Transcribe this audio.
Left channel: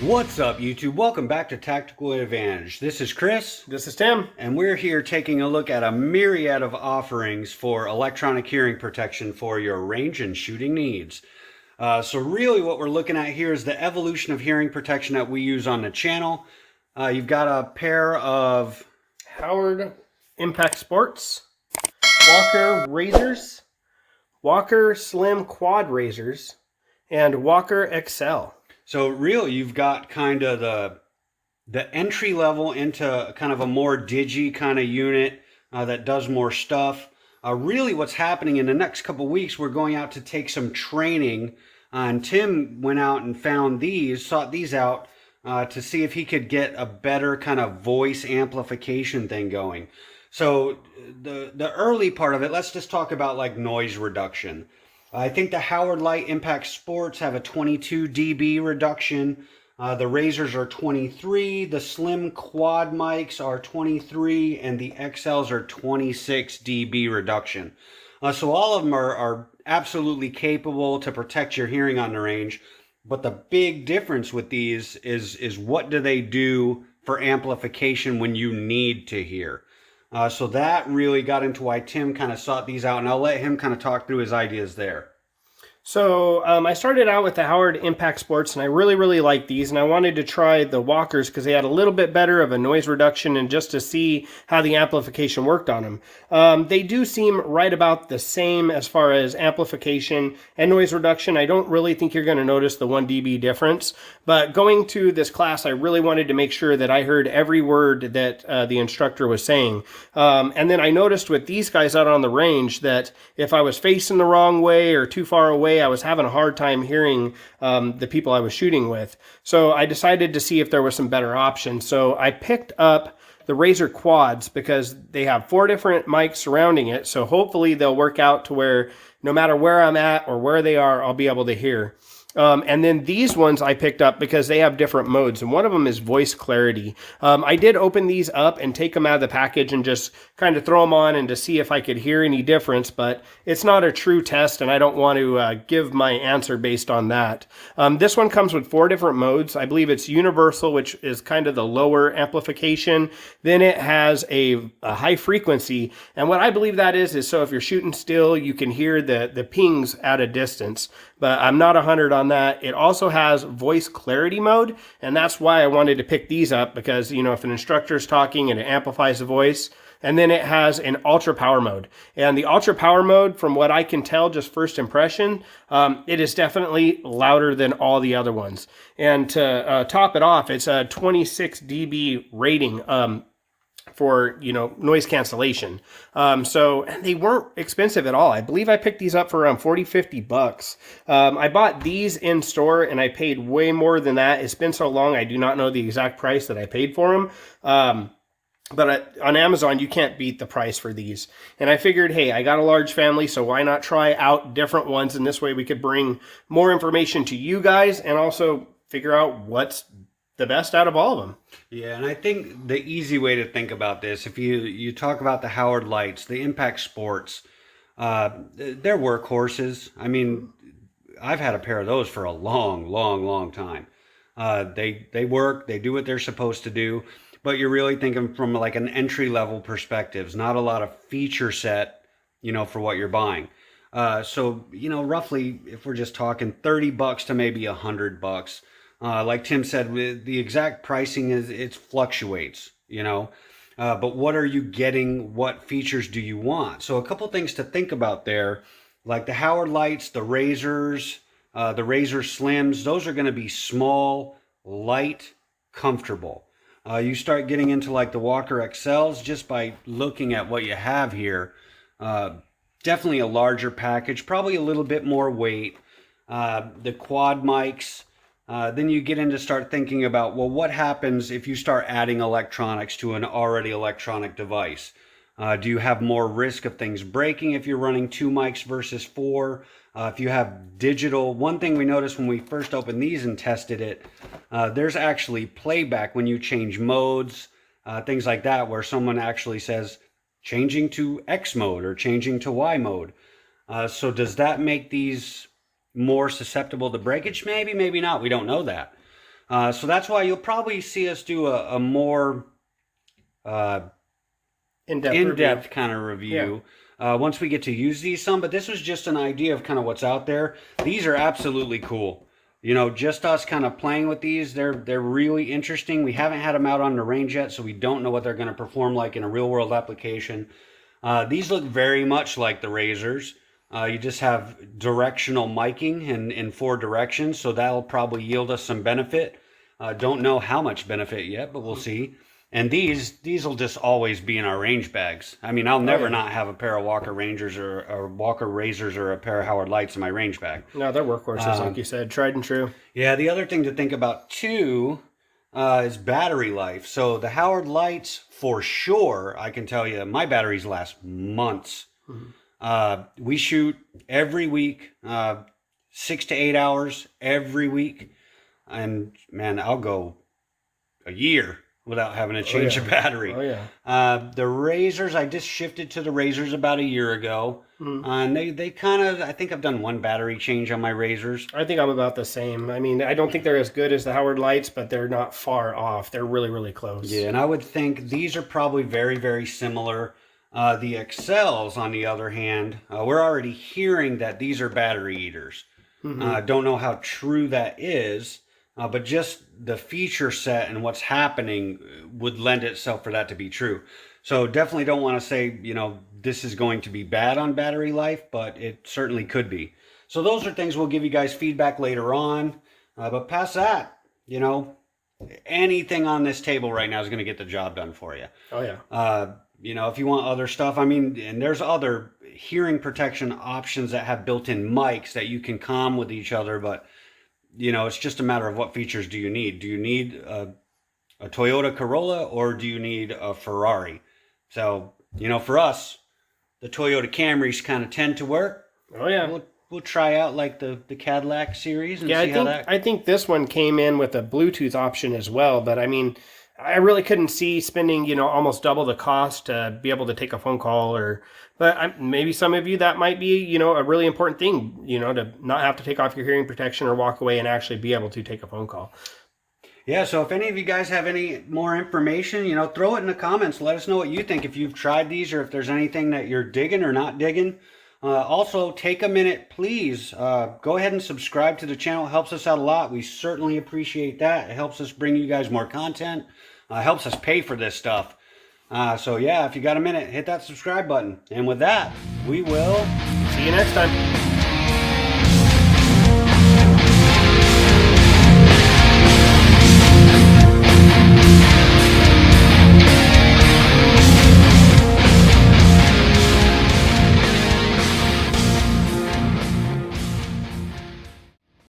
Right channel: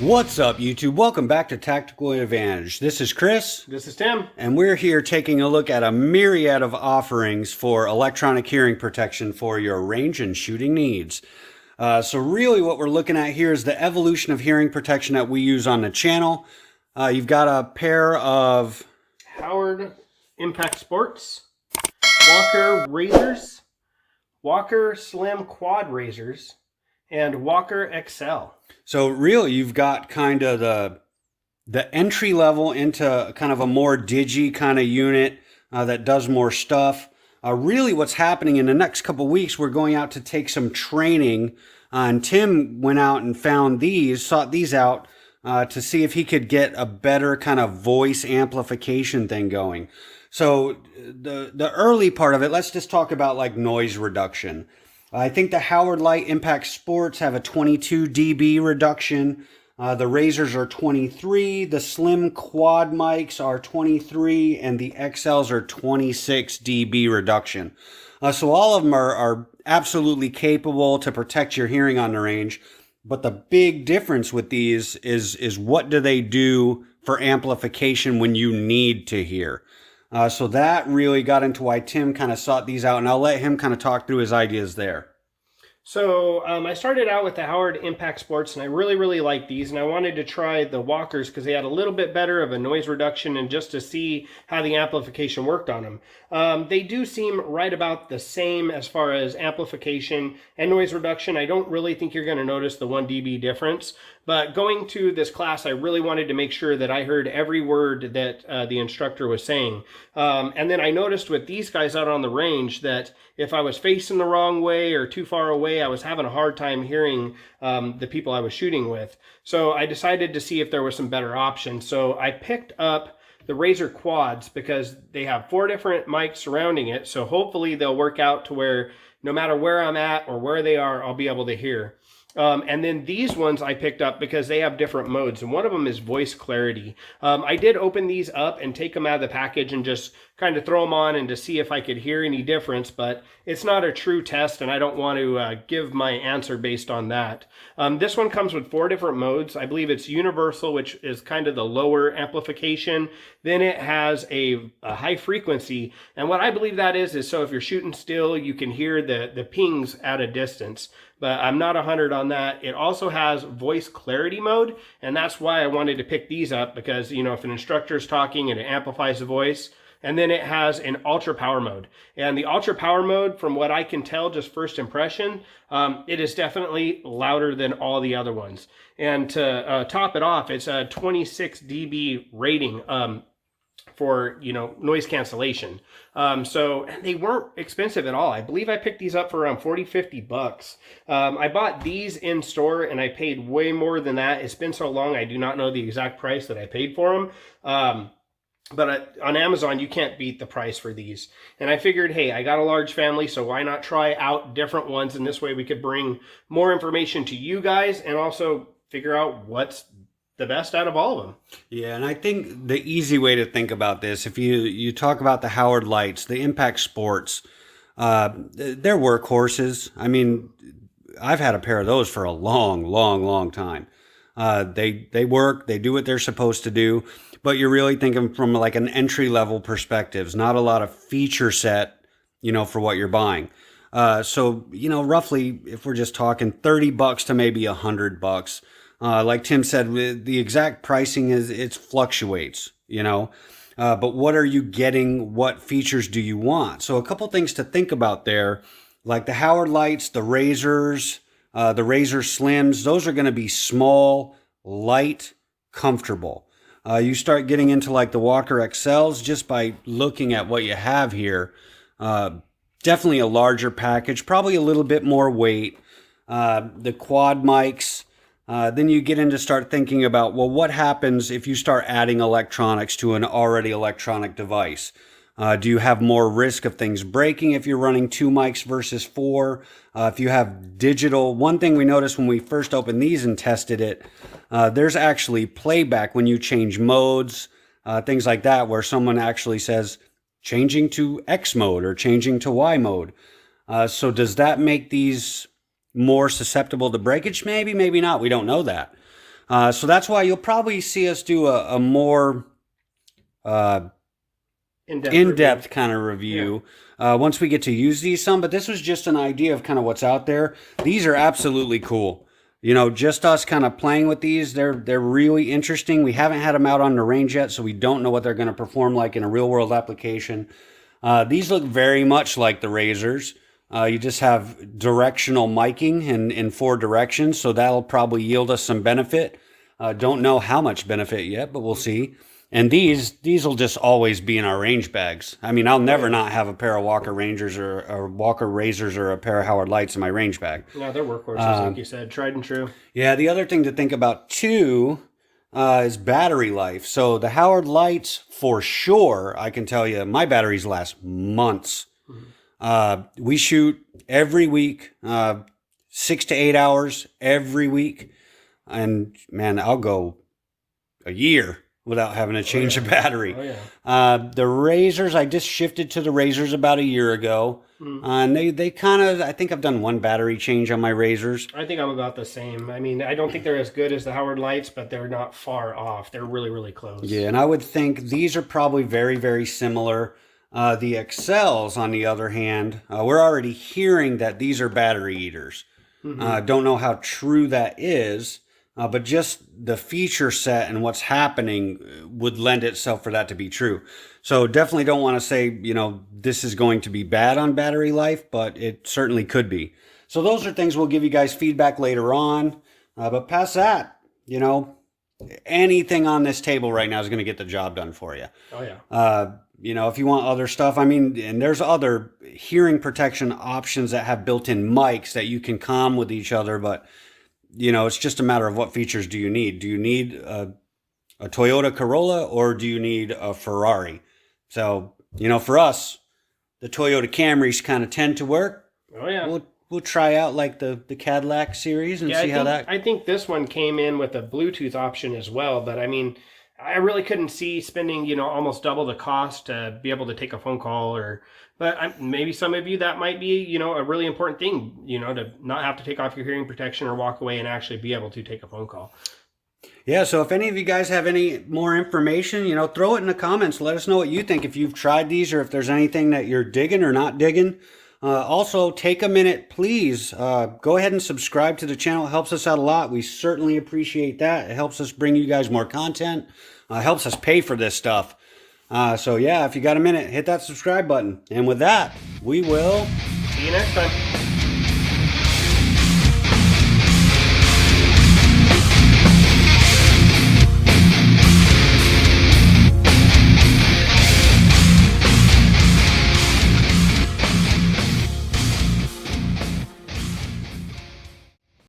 What's up, YouTube? Welcome back to Tactical Advantage. This is Chris. This is Tim. And we're here taking a look at a myriad of offerings for electronic hearing protection for your range and shooting needs. So really what we're looking at here is the evolution of hearing protection that we use on the channel. You've got a pair of Howard Impact Sports, Walker razors, Walker Slim Quad razors, and Walker XCEL. So really, you've got kind of the entry level into kind of a more digi kind of unit that does more stuff. Really, what's happening in the next couple weeks, we're going out to take some training. And Tim went out and found sought these out to see if he could get a better kind of voice amplification thing going. So the early part of it, let's just talk about like noise reduction. I think the Howard Leight Impact Sports have a 22 dB reduction. The razors are 23. The slim quad mics are 23, and the XLs are 26 dB reduction. So all of them are absolutely capable to protect your hearing on the range. But the big difference with these is what do they do for amplification when you need to hear? So that really got into why Tim kind of sought these out, and I'll let him kind of talk through his ideas there. So I started out with the Howard Impact Sports, and I really liked these, and I wanted to try the Walkers because they had a little bit better of a noise reduction and just to see how the amplification worked on them. They do seem right about the same as far as amplification and noise reduction. I don't really think you're going to notice the 1 dB difference, but going to this class, I really wanted to make sure that I heard every word that the instructor was saying. And then I noticed with these guys out on the range that if I was facing the wrong way or too far away, I was having a hard time hearing the people I was shooting with. So I decided to see if there were some better options. So I picked up the Razor Quads because they have 4 different mics surrounding it. So hopefully they'll work out to where no matter where I'm at or where they are, I'll be able to hear. And then these ones I picked up because they have different modes, and one of them is voice clarity. I did open these up and take them out of the package and just kind of throw them on and to see if I could hear any difference, but it's not a true test, and I don't want to give my answer based on that. This one comes with 4 different modes. I believe it's universal, which is kind of the lower amplification. Then it has a high frequency, and what I believe that is so if you're shooting still, you can hear the pings at a distance. But I'm not 100 on that. It also has voice clarity mode, and that's why I wanted to pick these up because, you know, if an instructor is talking and it amplifies the voice. And then it has an ultra power mode. And the ultra power mode, from what I can tell, just first impression, it is definitely louder than all the other ones. And to top it off, it's a 26 dB rating for, you know, noise cancellation. So they weren't expensive at all. I believe I picked these up for around 40-50 bucks. I bought these in store and I paid way more than that. It's been so long, I do not know the exact price that I paid for them. But on Amazon, you can't beat the price for these. And I figured, hey, I got a large family, so why not try out different ones? And this way we could bring more information to you guys and also figure out what's the best out of all of them. Yeah, and I think the easy way to think about this, if you talk about the Howard Lights, the Impact Sports, they're workhorses. I mean, I've had a pair of those for a long time. They work, they do what they're supposed to do, but you're really thinking from like an entry level perspectives, not a lot of feature set, you know, for what you're buying. So, you know, roughly, if we're just talking 30 bucks to maybe $100. Like Tim said, the exact pricing it fluctuates, you know, but what are you getting? What features do you want? So a couple things to think about there, like the Howard Lights, the Razors, the Razor Slims, those are going to be small, light, comfortable. You start getting into like the Walker XCELs just by looking at what you have here. Definitely a larger package, probably a little bit more weight. The quad mics. Then you get into start thinking about, well, what happens if you start adding electronics to an already electronic device? Do you have more risk of things breaking if you're running 2 mics versus 4? If you have digital, one thing we noticed when we first opened these and tested it, there's actually playback when you change modes, things like that, where someone actually says changing to X mode or changing to Y mode. So does that make these more susceptible to breakage? Maybe, maybe not. We don't know that. So that's why you'll probably see us do a more in-depth kind of review once we get to use these some. But this was just an idea of kind of what's out there. These are absolutely cool. You know, just us kind of playing with these. They're really interesting. We haven't had them out on the range yet, so we don't know what they're going to perform like in a real world application. These look very much like the razors. You just have directional miking in 4 directions, so that'll probably yield us some benefit. Don't know how much benefit yet, but we'll see. And these will just always be in our range bags. I mean, I'll never not have a pair of Walker Rangers or Walker Razors or a pair of Howard Lights in my range bag. No, they're workhorses, like you said, tried and true. Yeah, the other thing to think about too is battery life. So the Howard Lights, for sure, I can tell you, my batteries last months. We shoot every week, 6 to 8 hours every week. And man, I'll go a year without having to change a battery. The razors, I just shifted to the razors about a year ago. And they kind of, I think I've done 1 battery change on my razors. I think I'm about the same. I mean, I don't think they're as good as the Howard Lights, but they're not far off. They're really, really close. Yeah, and I would think these are probably very, very similar. The XCELs, on the other hand, we're already hearing that these are battery eaters. Don't know how true that is. But just the feature set and what's happening would lend itself for that to be true. So definitely don't want to say, you know, this is going to be bad on battery life, but it certainly could be. So those are things we'll give you guys feedback later on. But past that, you know, anything on this table right now is going to get the job done for you. You know, if you want other stuff, I mean, and there's other hearing protection options that have built-in mics that you can comm with each other, but you know, it's just a matter of what features do you need. Do you need a Toyota Corolla or do you need a Ferrari? So, you know, for us, the Toyota Camrys kind of tend to work. We'll try out like the Cadillac series and see how that... I think this one came in with a Bluetooth option as well, but I mean, I really couldn't see spending, you know, almost double the cost to be able to take a phone call but maybe some of you, that might be, you know, a really important thing, you know, to not have to take off your hearing protection or walk away and actually be able to take a phone call. Yeah, so if any of you guys have any more information, you know, throw it in the comments. Let us know what you think, if you've tried these or if there's anything that you're digging or not digging. Also, take a minute, please. Go ahead and subscribe to the channel. It helps us out a lot. We certainly appreciate that. It helps us bring you guys more content. Helps us pay for this stuff. So yeah, if you got a minute, hit that subscribe button. And with that, we will see you next time.